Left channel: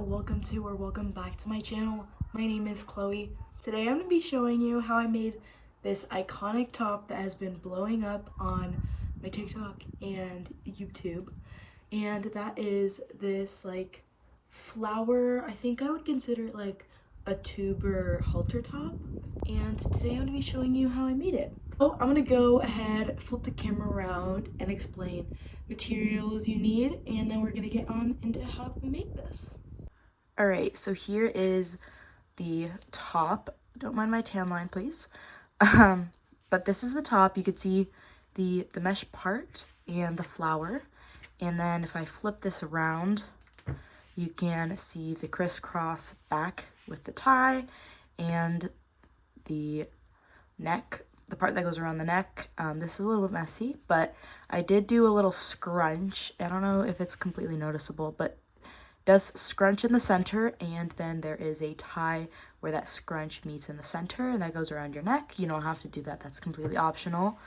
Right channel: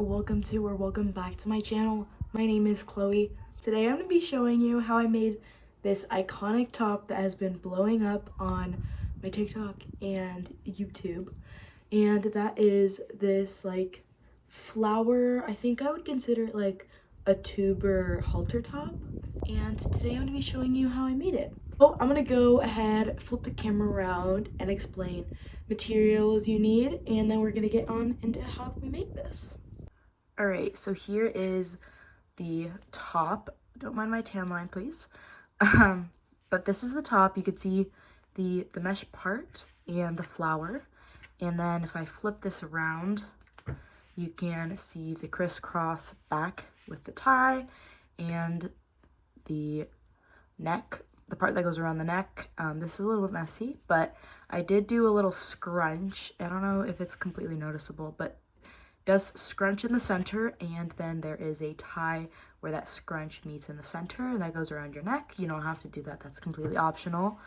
welcome back to my channel. My name is Chloe. Today I'm going to be showing you how I made this iconic top that has been blowing up on my TikTok and YouTube. And that is this like flower, I think I would consider it like a tuber halter top. And today I'm going to be showing you how I made it. So I'm going to go ahead, flip the camera around and explain materials you need, and then we're going to get on into how we make this. Alright, so here is the top. Don't mind my tan line, please. But this is the top. You could see the mesh part and the flower. And then if I flip this around, you can see the crisscross back with the tie and the neck, the part that goes around the neck. This is a little bit messy, but I did do a little scrunch. I don't know if it's completely noticeable, but does scrunch in the center, and then there is a tie where that scrunch meets in the center and that goes around your neck. You don't have to do that, that's completely optional.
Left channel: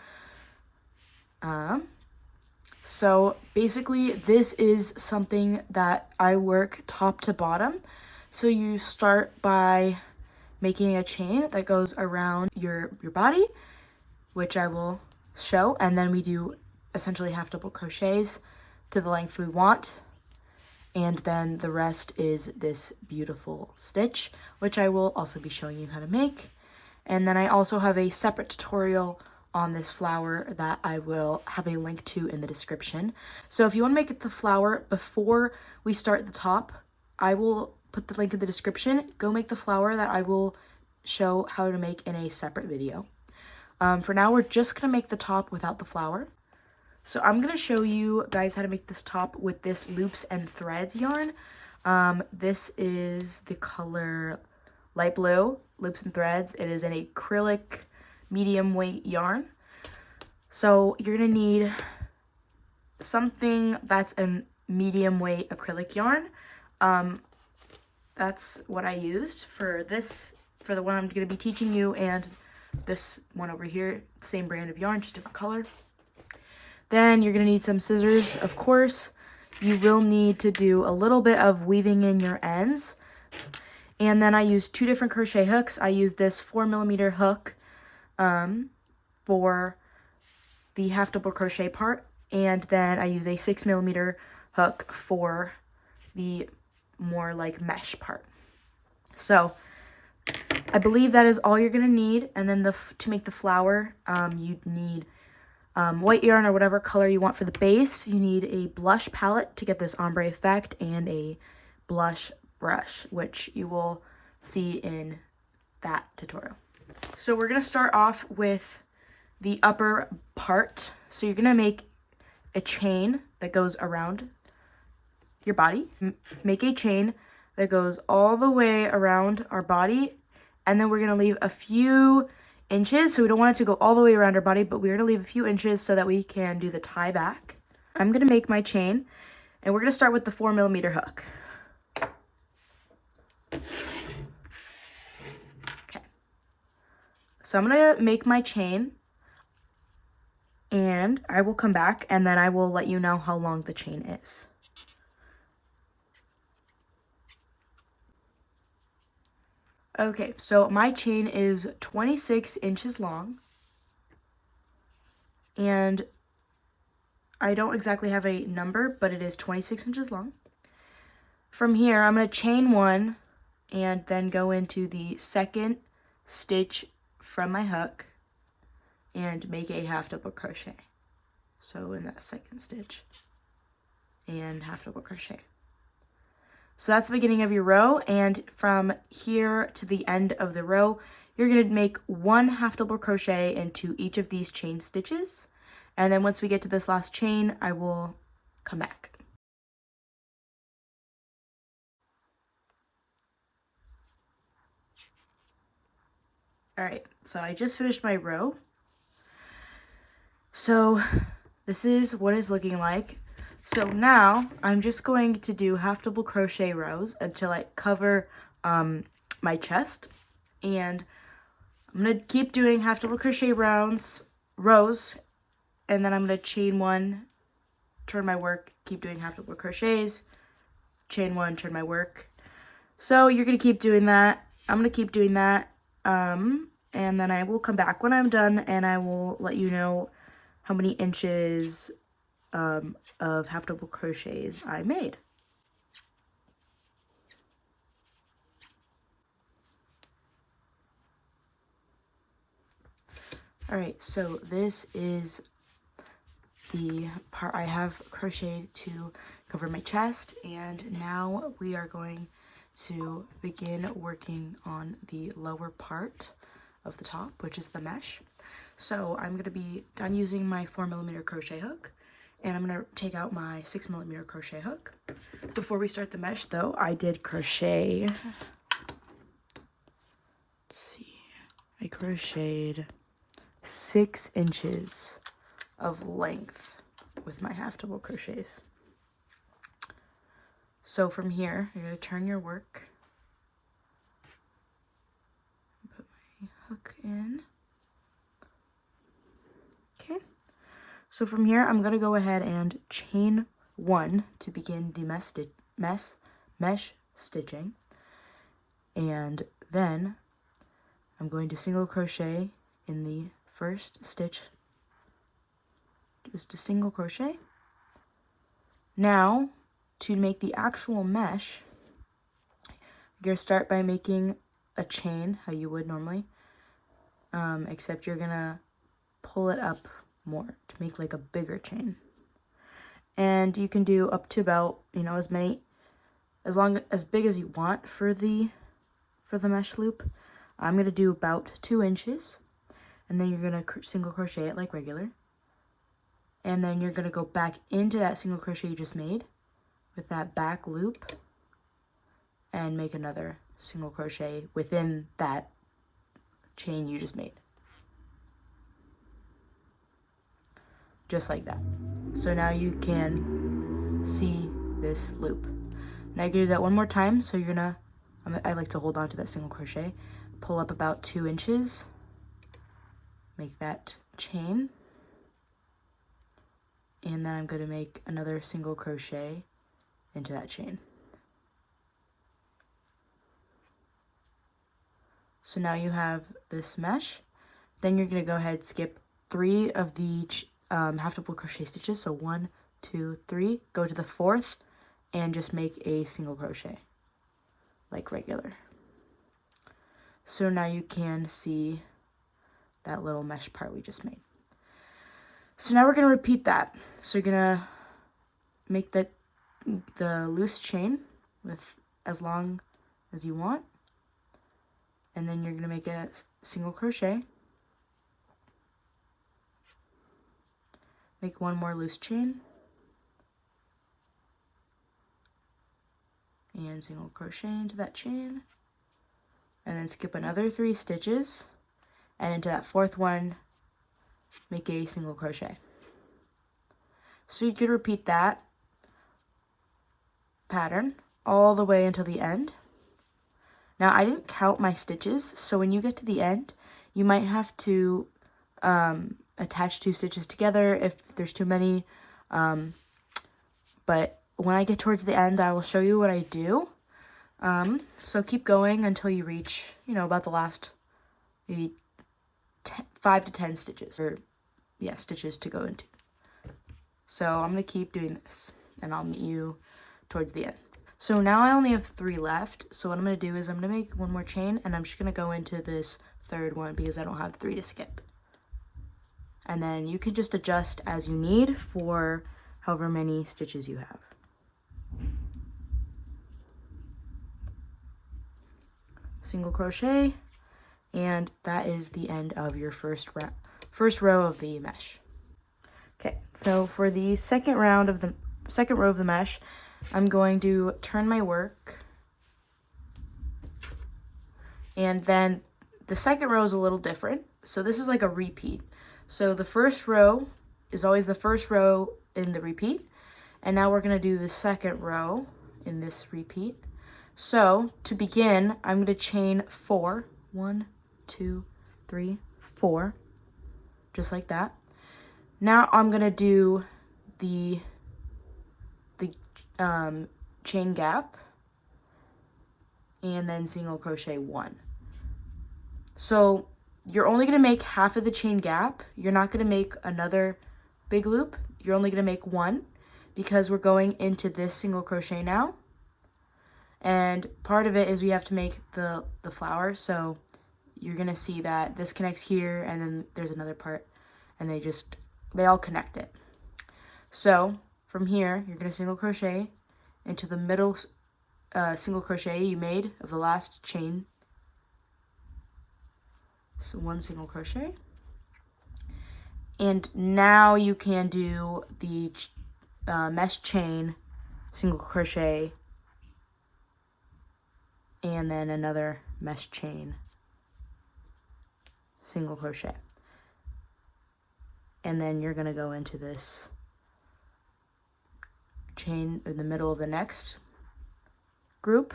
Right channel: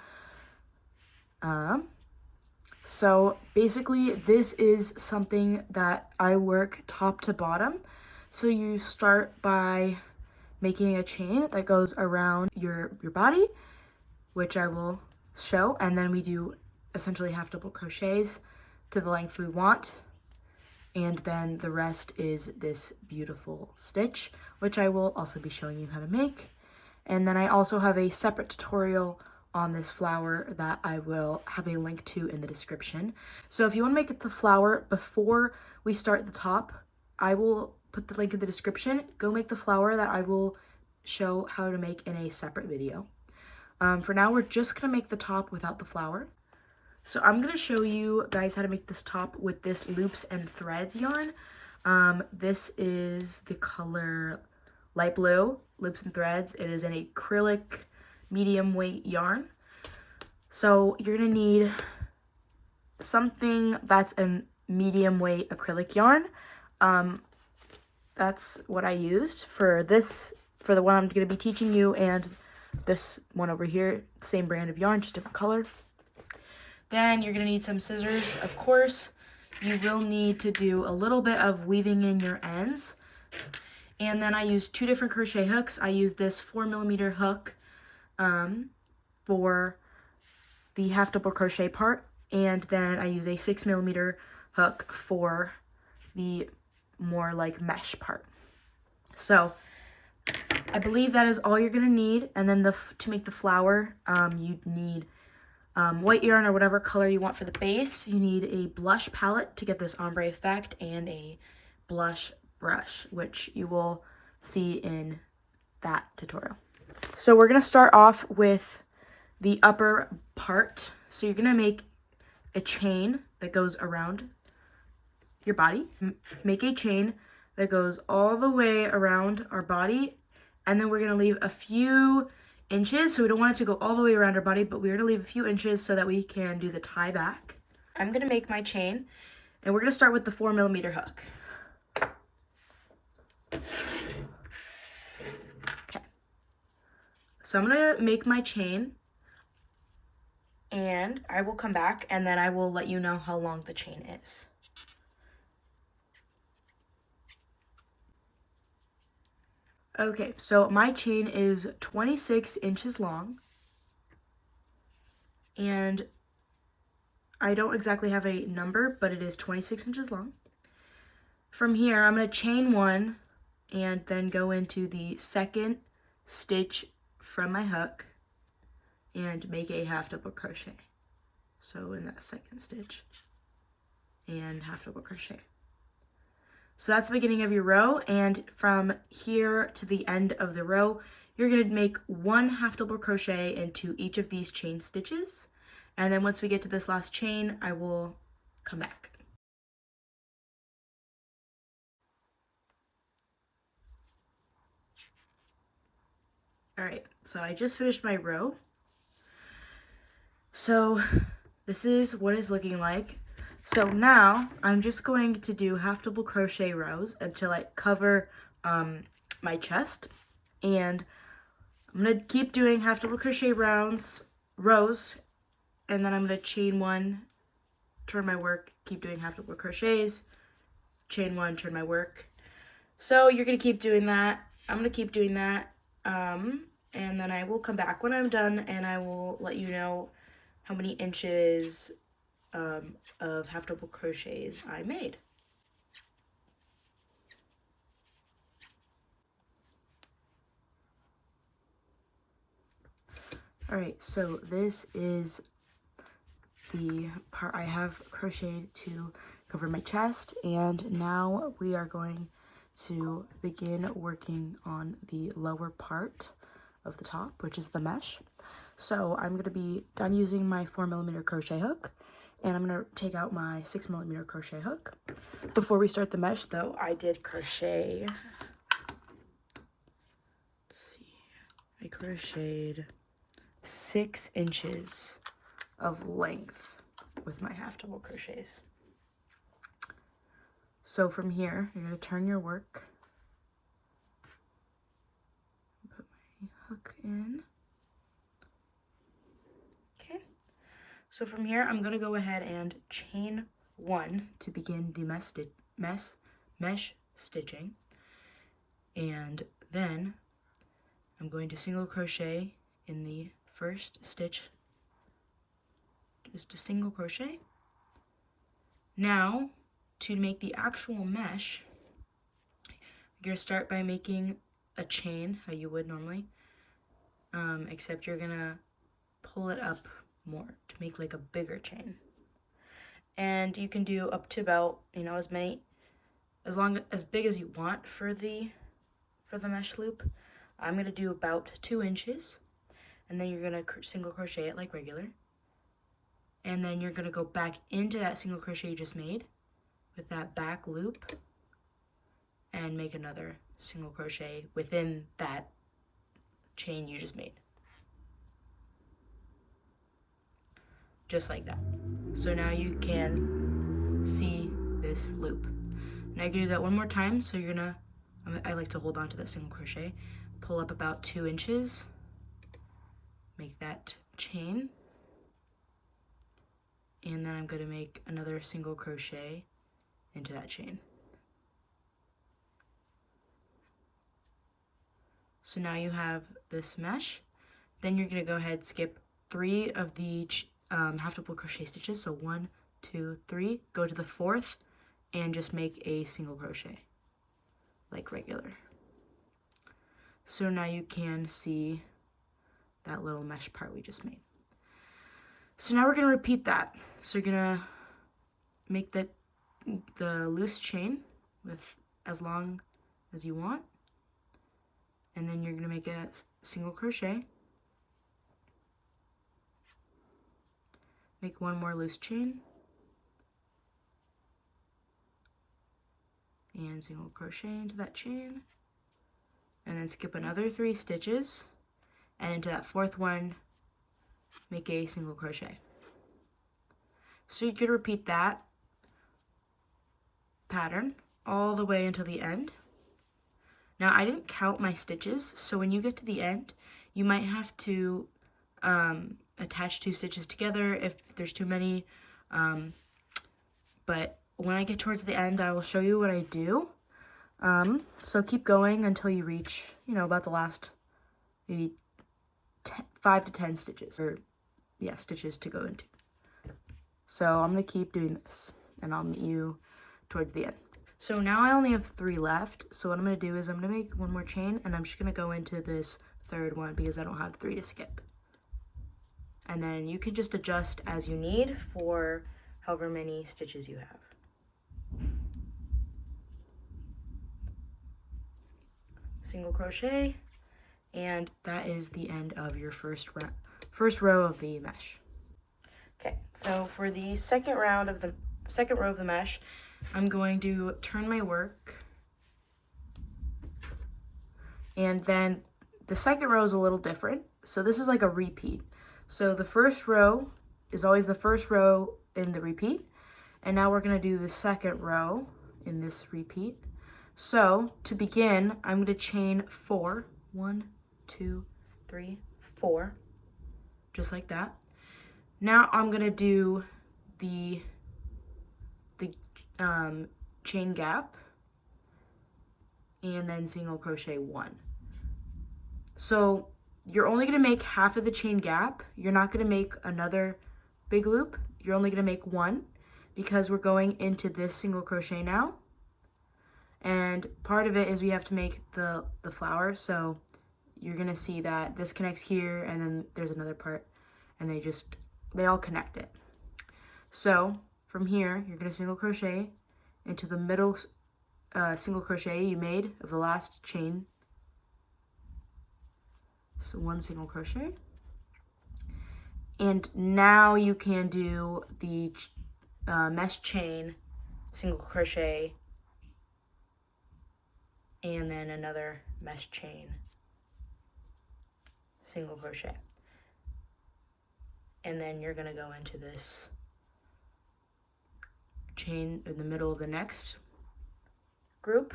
So basically this is something that I work top to bottom. So you start by making a chain that goes around your body, which I will show, and then we do essentially half double crochets to the length we want. And then the rest is this beautiful stitch, which I will also be showing you how to make. And then I also have a separate tutorial on this flower that I will have a link to in the description. So if you want to make the flower before we start the top, I will put the link in the description. Go make the flower that I will show how to make in a separate video. For now, we're just going to make the top without the flower. So I'm going to show you guys how to make this top with this loops and threads yarn. This is the color light blue, loops and threads. It is an acrylic medium weight yarn. So you're going to need something that's a medium weight acrylic yarn. That's what I used for this, for the one I'm going to be teaching you, and this one over here, same brand of yarn, just different color. Then you're going to need some scissors, of course. You will need to do a little bit of weaving in your ends. And then I used two different crochet hooks. I used this 4mm hook for the half double crochet part. And then I use a 6mm hook for the more like mesh part. So I believe that is all you're going to need. And then to make the flower, you'd need white yarn or whatever color you want for the base. You need a blush palette to get this ombre effect, and a blush brush, which you will see in that tutorial. So we're going to start off with the upper part. So you're going to make a chain that goes around your body. Make a chain that goes all the way around our body, and then we're going to leave a few inches, so we don't want it to go all the way around our body, but we're going to leave a few inches so that we can do the tie back. I'm going to make my chain, and we're going to start with the 4mm hook. Okay, so I'm going to make my chain, and I will come back, and then I will let you know how long the chain is. Okay, so my chain is 26 inches long, and I don't exactly have a number, but it is 26 inches long. From here, I'm going to chain one and then go into the second stitch from my hook and make a half double crochet. So in that second stitch and half double crochet. So that's the beginning of your row, and from here to the end of the row, you're going to make one half double crochet into each of these chain stitches, and then once we get to this last chain, I will come back. Alright, so I just finished my row. So this is what it's looking like. So now I'm just going to do half double crochet rows until I cover my chest, and I'm going to keep doing half double crochet rows, and then I'm going to chain one, turn my work, keep doing half double crochets, chain one, turn my work, So you're going to keep doing that. I'm going to keep doing that. And then I will come back when I'm done and I will let you know how many inches of half double crochets I made. Alright, so this is the part I have crocheted to cover my chest, and now we are going to begin working on the lower part of the top, which is the mesh. So I'm going to be done using my 4mm crochet hook, and I'm going to take out my 6mm crochet hook. Before we start the mesh though, I did crochet, let's see, I crocheted 6 inches of length with my half double crochets. So from here, you're going to turn your work, put my hook in. Okay, so from here, I'm going to go ahead and chain 1 to begin the mesh stitching, and then I'm going to single crochet in the first stitch, just a single crochet. Now, to make the actual mesh, you're going to start by making a chain, how you would normally, except you're going to pull it up more to make like a bigger chain. And you can do up to about, you know, as big as you want for the mesh loop. I'm going to do about 2 inches, and then you're going to single crochet it like regular. And then you're going to go back into that single crochet you just made with that back loop and make another single crochet within that chain you just made. Just like that. So now you can see this loop. Now you're going to do that one more time. So you're going to, I like to hold on to that single crochet, pull up about 2 inches, make that chain, and then I'm going to make another single crochet into that chain. So now you have this mesh. Then you're going to go ahead, skip 3 of the half double crochet stitches. So 1, 2, 3, go to the 4th and just make a single crochet like regular. So now you can see that little mesh part we just made. So now we're going to repeat that. So you're going to make the loose chain with as long as you want, and then you're going to make a single crochet, make 1 more loose chain, and single crochet into that chain, and then skip another 3 stitches, and into that 4th one make a single crochet. So you could repeat that pattern all the way until the end. Now I didn't count my stitches, so when you get to the end, you might have to attach 2 stitches together if there's too many, but when I get towards the end, I will show you what I do. So keep going until you reach, you know, about the last maybe 5 to 10 stitches, or yeah, stitches to go into. So I'm going to keep doing this, and I'll meet you towards the end. So now I only have 3 left, so what I'm going to do is I'm going to make 1 more chain, and I'm just going to go into this 3rd one because I don't have 3 to skip. And then you can just adjust as you need for however many stitches you have. Single crochet, and that is the end of your first row of the mesh. Okay, so for the second row of the mesh, I'm going to turn my work, and then the second row is a little different. So this is like a repeat. So the first row is always the first row in the repeat, and now we're going to do the second row in this repeat. So to begin, I'm going to chain 4. 1, 2, 3, 4, just like that. Now I'm going to do the chain gap and then single crochet 1. So you're only going to make half of the chain gap. You're not going to make another big loop. You're only going to make 1 because we're going into this single crochet now. And part of it is we have to make the flower. So you're going to see that this connects here, and then there's another part, and they all connect it. So from here, you're going to single crochet into the middle single crochet you made of the last chain. So 1 single crochet. And now you can do the mesh chain, single crochet, and then another mesh chain, single crochet. And then you're going to go into this chain in the middle of the next group,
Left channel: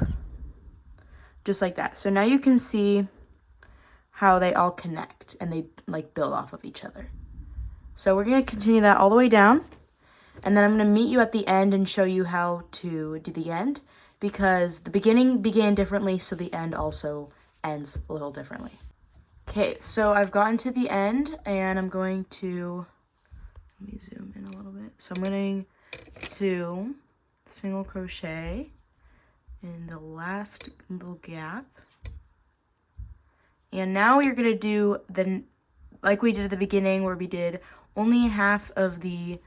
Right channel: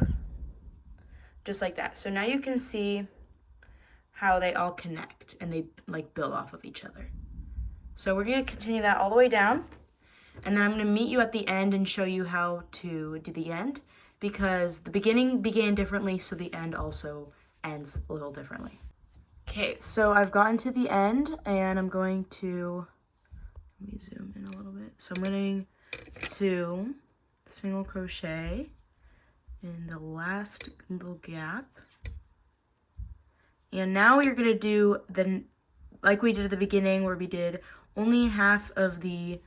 just like that. So now you can see how they all connect and they like build off of each other. So we're going to continue that all the way down, and then I'm going to meet you at the end and show you how to do the end, because the beginning began differently, so the end also ends a little differently. Okay, so I've gotten to the end, and I'm going to, let me zoom in a little bit. So I'm going to single crochet in the last little gap. And now you're going to do like we did at the beginning, where we did only half of the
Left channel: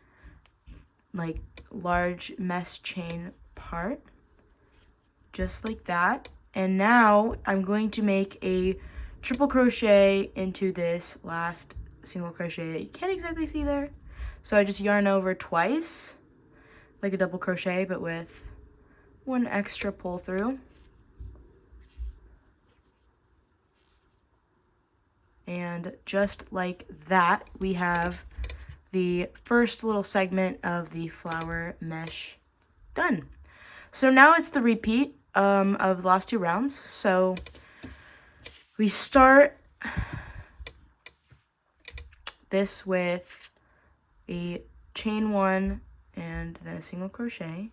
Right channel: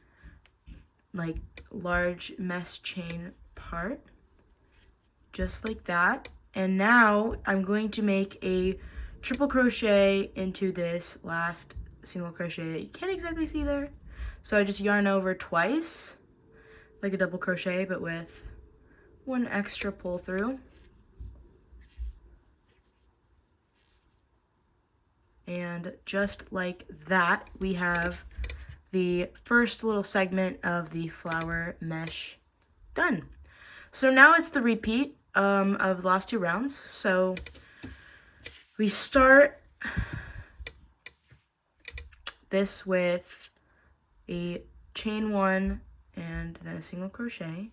like large mesh chain part, just like that. And now I'm going to make a triple crochet into this last single crochet that you can't exactly see there. So I just yarn over twice, like a double crochet, but with 1 extra pull through. And just like that, we have the first little segment of the flower mesh done. So now it's the repeat of the last 2 rounds. So we start this with a chain 1 and then a single crochet.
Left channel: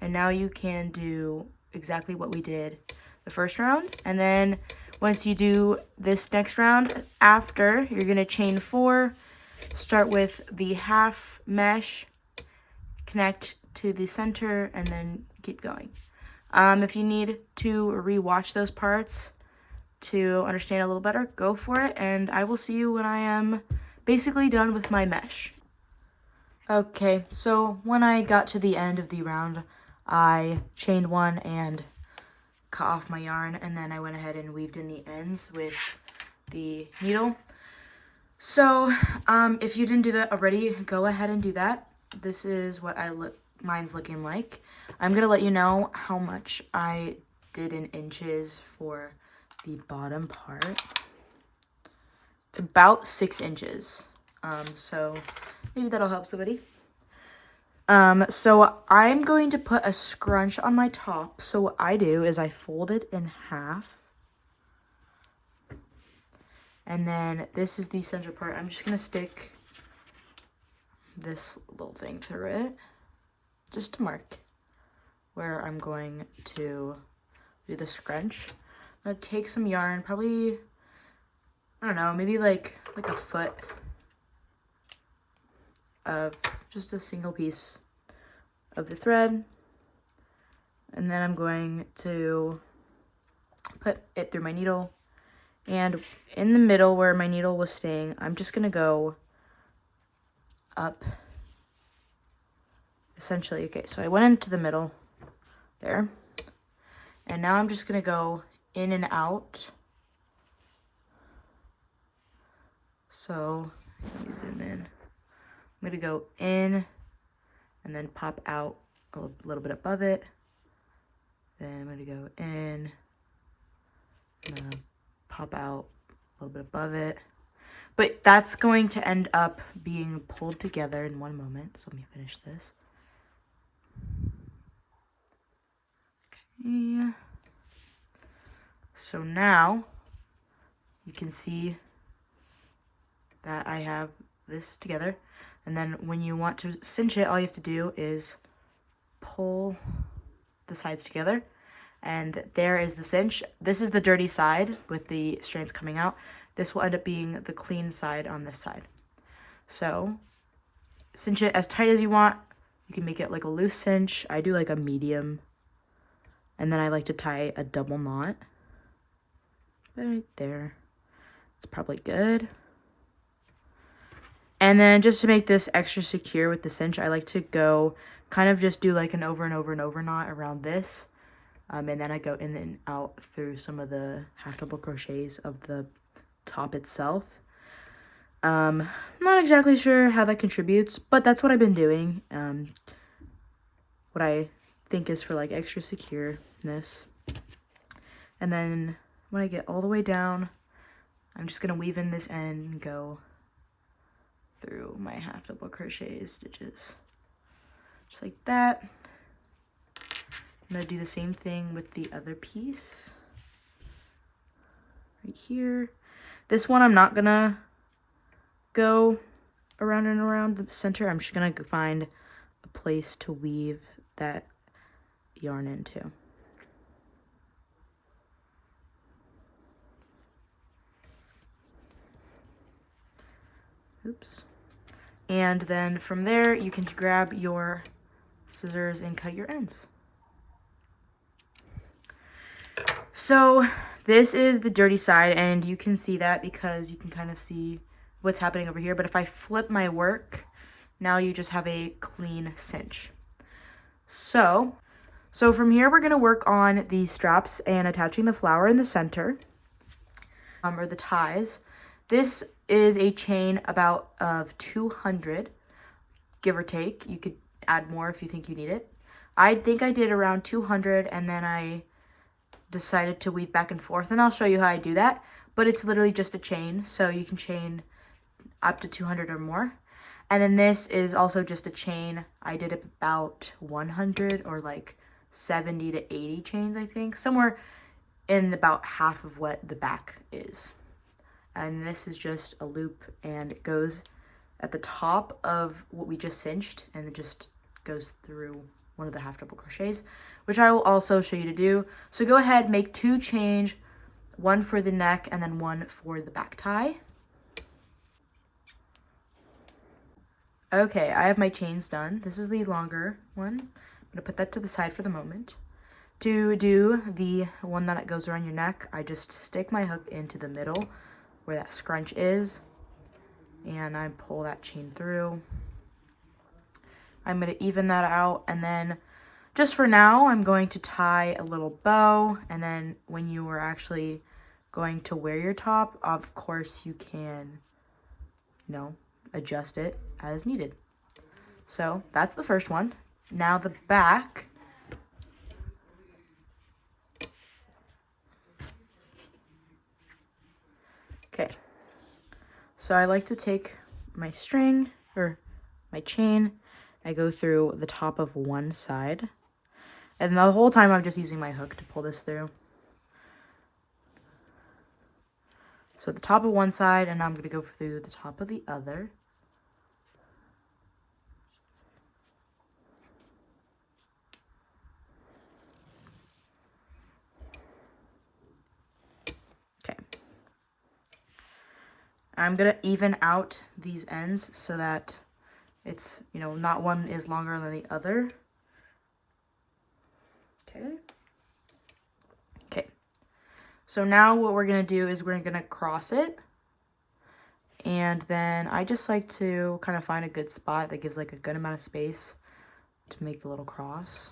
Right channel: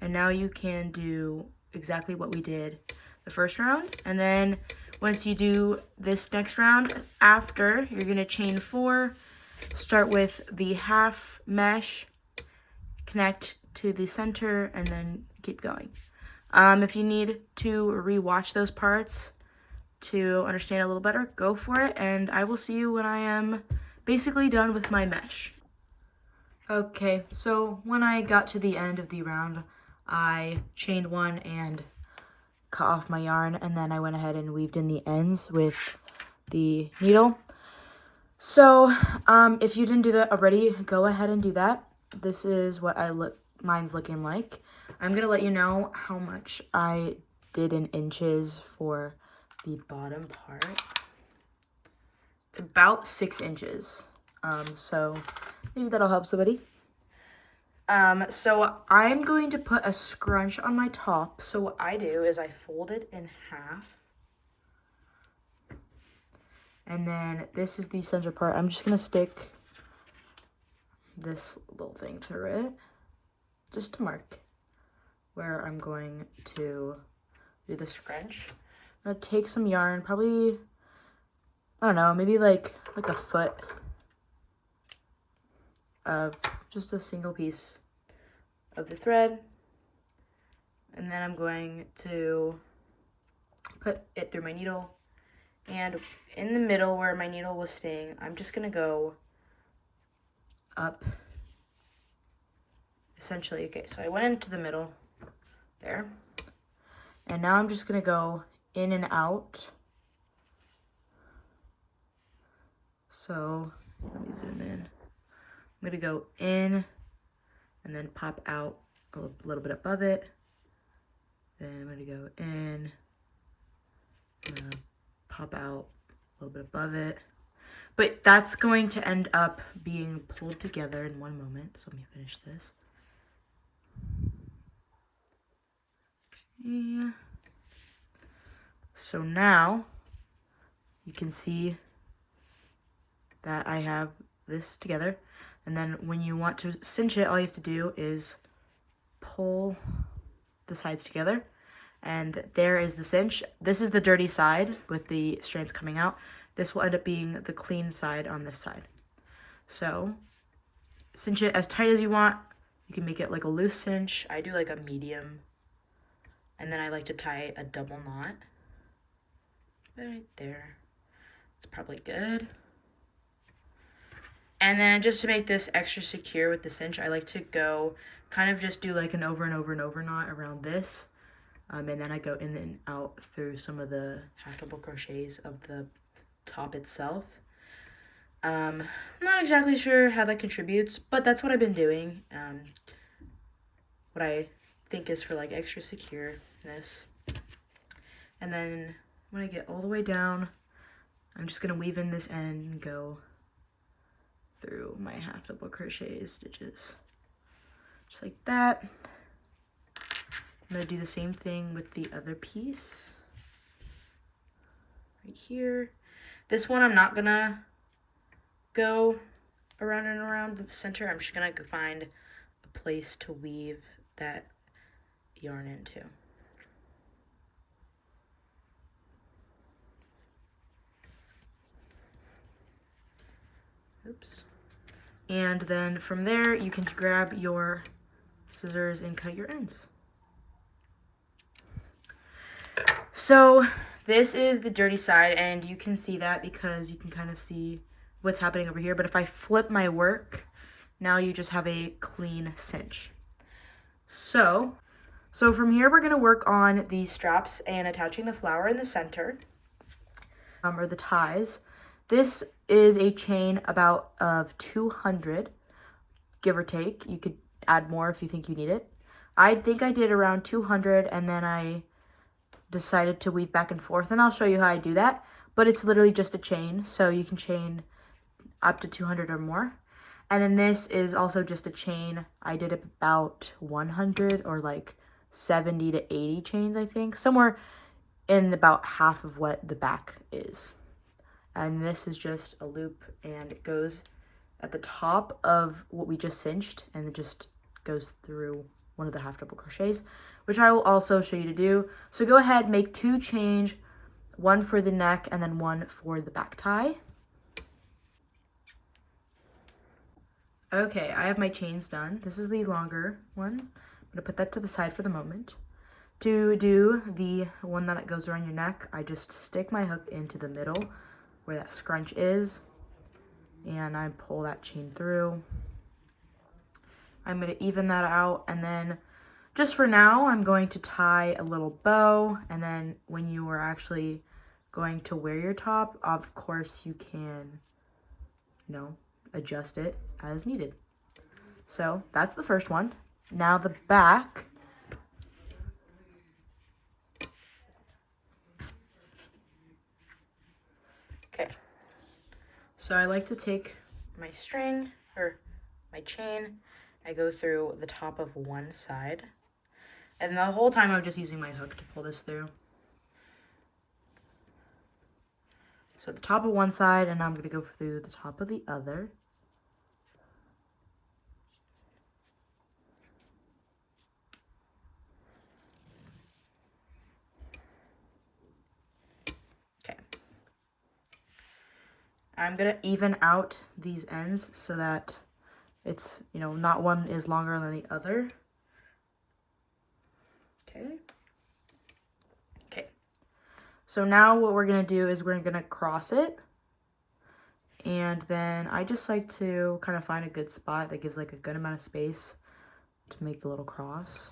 And now you can do exactly what we did the first round. And then once you do this next round after, you're going to chain 4, start with the half mesh, connect to the center, and then keep going. If you need to rewatch those parts to understand a little better, go for it, and I will see you when I am basically done with my mesh. Okay, so when I got to the end of the round, I chained 1 and cut off my yarn, and then I went ahead and weaved in the ends with the needle. So if you didn't do that already, go ahead and do that. This is what mine's looking like. I'm gonna let you know how much I did in inches for the bottom part. It's about 6 inches. So maybe that'll help somebody. So I'm going to put a scrunch on my top. So what I do is I fold it in half. And then this is the center part. I'm just going to stick this little thing through it, just to mark where I'm going to do the scrunch. I'm going to take some yarn, probably, I don't know, maybe like a foot of just a single piece of the thread, and then I'm going to put it through my needle, and in the middle where my needle was staying, I'm just gonna go up, essentially. Okay, so I went into the middle there, and now I'm just gonna go in and out. So let me zoom in. I'm gonna go in and then pop out a little bit above it. Then I'm gonna go in, I'm gonna pop out a little bit above it. But that's going to end up being pulled together in one moment. So let me finish this. Okay. So now you can see that I have this together. And then when you want to cinch it, all you have to do is pull the sides together. And there is the cinch. This is the dirty side with the strands coming out. This will end up being the clean side on this side. So cinch it as tight as you want. You can make it like a loose cinch. I do like a medium. And then I like to tie a double knot right there. It's probably good. And then just to make this extra secure with the cinch, I like to go kind of just do like an over and over and over knot around this. And then I go in and out through some of the half double crochets of the top itself. Not exactly sure how that contributes, but that's what I've been doing. What I think is for like extra secureness. And then when I get all the way down, I'm just gonna weave in this end and go through my half double crochet stitches. Just like that. I'm gonna do the same thing with the other piece. Right here. This one I'm not gonna go around and around the center. I'm just gonna find a place to weave that yarn into. Oops. And then from there, you can grab your scissors and cut your ends. So this is the dirty side, and you can see that because you can kind of see what's happening over here. But if I flip my work, now you just have a clean cinch. So from here, we're gonna work on these straps and attaching the flower in the center, or the ties. This is a chain about of 200, give or take. You could add more if you think you need it. I think I did around 200, and then I decided to weave back and forth, and I'll show you how I do that. But it's literally just a chain, so you can chain up to 200 or more. And then this is also just a chain. I did about 100 or like 70 to 80 chains, I think. Somewhere in about half of what the back is. And this is just a loop, and it goes at the top of what we just cinched, and it just goes through one of the half double crochets, which I will also show you to do. So go ahead, make 2 chains, one for the neck and then one for the back tie. Okay, I have my chains done. This is the longer one. I'm gonna put that to the side for the moment. To do the one that goes around your neck, I just stick my hook into the middle where that scrunch is, and I pull that chain through. I'm going to even that out, and then just for now, I'm going to tie a little bow, and then when you are actually going to wear your top, of course you can, adjust it as needed. So that's the first one. Now the back. Okay, so I like to take my string, or my chain, I go through the top of one side, and the whole time I'm just using my hook to pull this through. So the top of one side, and now I'm going to go through the top of the other. I'm going to even out these ends so that it's, not one is longer than the other. Okay. So now what we're going to do is we're going to cross it. And then I just like to kind of find a good spot that gives like a good amount of space to make the little cross.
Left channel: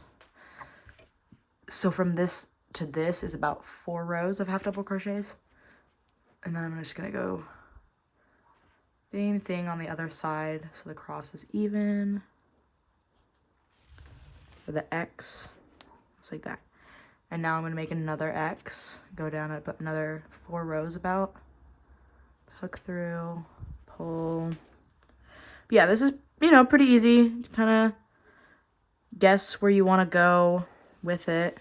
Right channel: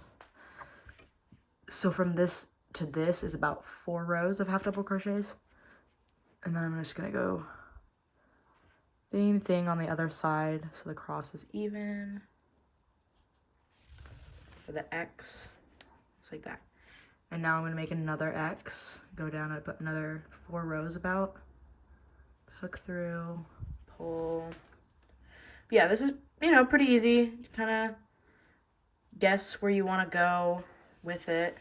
So from this to this is about 4 rows of half double crochets. And then I'm just going to go same thing on the other side, so the cross is even. For the X, just like that. And now I'm going to make another X, go down another 4 rows about. Hook through, pull. But yeah, this is, pretty easy. Kind of guess where you want to go with it.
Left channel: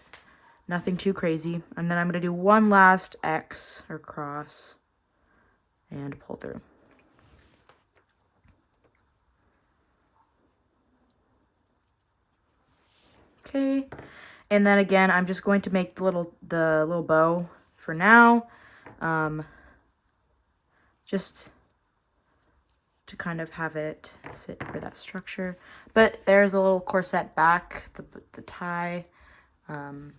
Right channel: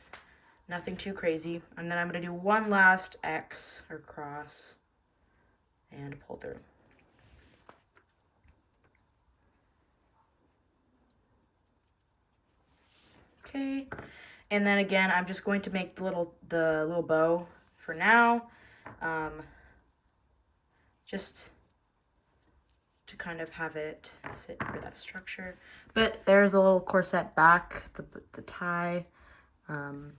Nothing too crazy. And then I'm going to do one last X or cross and pull through. Okay, And then again, I'm just going to make the little bow for now, just to kind of have it sit for that structure. But there's the little corset back, the tie, and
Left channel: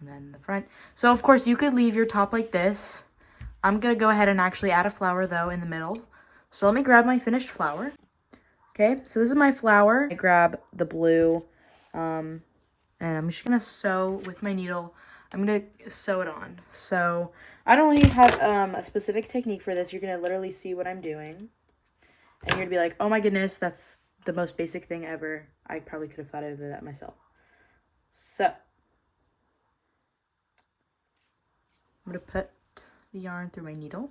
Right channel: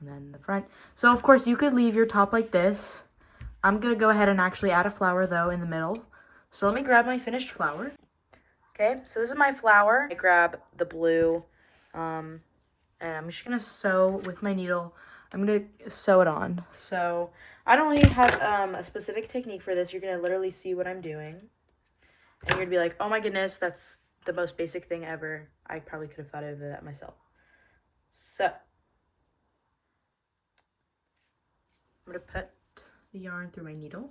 then the front. So of course you could leave your top like this. I'm gonna go ahead and actually add a flower though in the middle. So let me grab my finished flower. Okay, so this is my flower. I grab the blue, and I'm just gonna sew with my needle. I'm gonna sew it on. So I don't really have a specific technique for this. You're gonna literally see what I'm doing, and you're gonna be like, oh my goodness, that's the most basic thing ever. I probably could have thought of that myself. So I'm gonna put the yarn through my needle,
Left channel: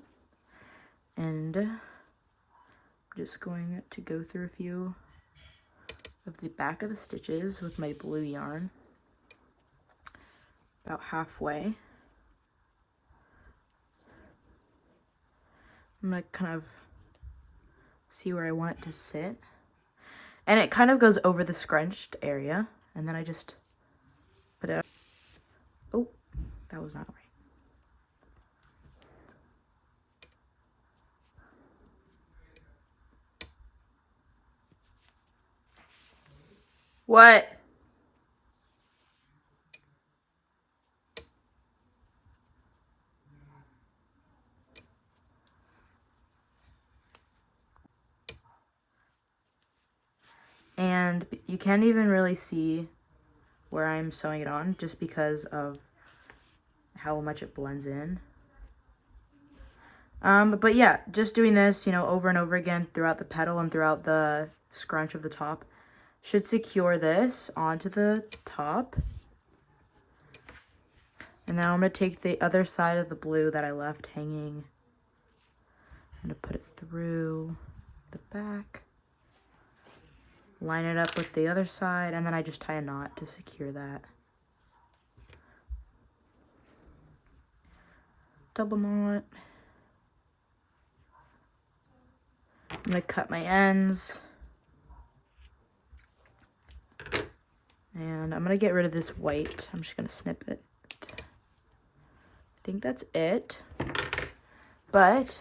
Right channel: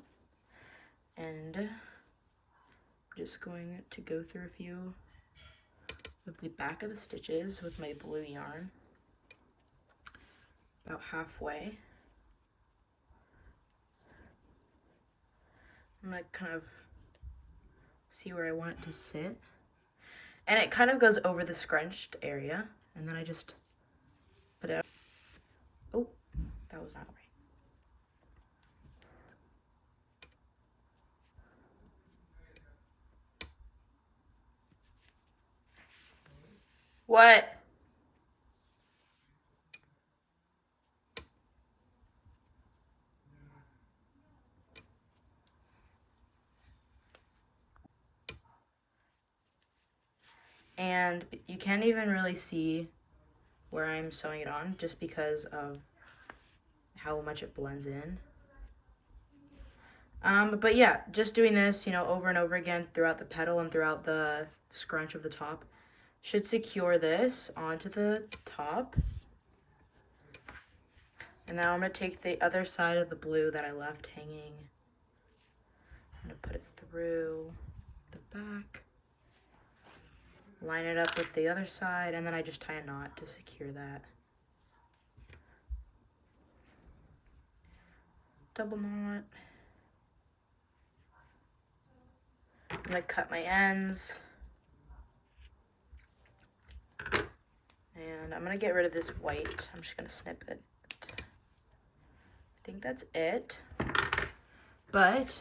and I'm just going to go through a few of the back of the stitches with my blue yarn, about halfway. I'm gonna kind of see where I want it to sit, and it kind of goes over the scrunched area, and then I just put it. Oh, that was not right. What? And you can't even really see where I'm sewing it on just because of how much it blends in. But yeah, just doing this, you know, over and over again throughout the petal and throughout the scrunch of the top should secure this onto the top. And now I'm going to take the other side of the blue that I left hanging. I'm going to put it through the back. Line it up with the other side, and then I just tie a knot to secure that. Double knot. I'm going to cut my ends. And I'm going to get rid of this white. I'm just going to snip it. I think that's it. But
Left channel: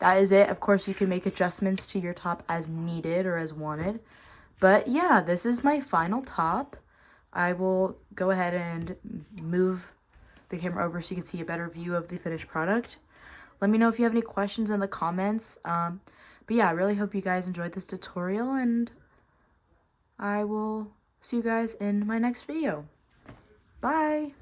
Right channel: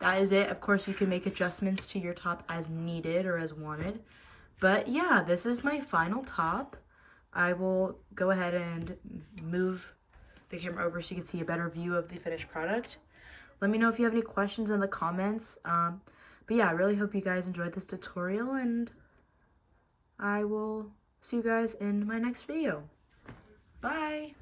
that is it. Of course, you can make adjustments to your top as needed or as wanted. But yeah, this is my final top. I will go ahead and move the camera over so you can see a better view of the finished product. Let me know if you have any questions in the comments. But yeah, I really hope you guys enjoyed this tutorial, and I will see you guys in my next video. Bye!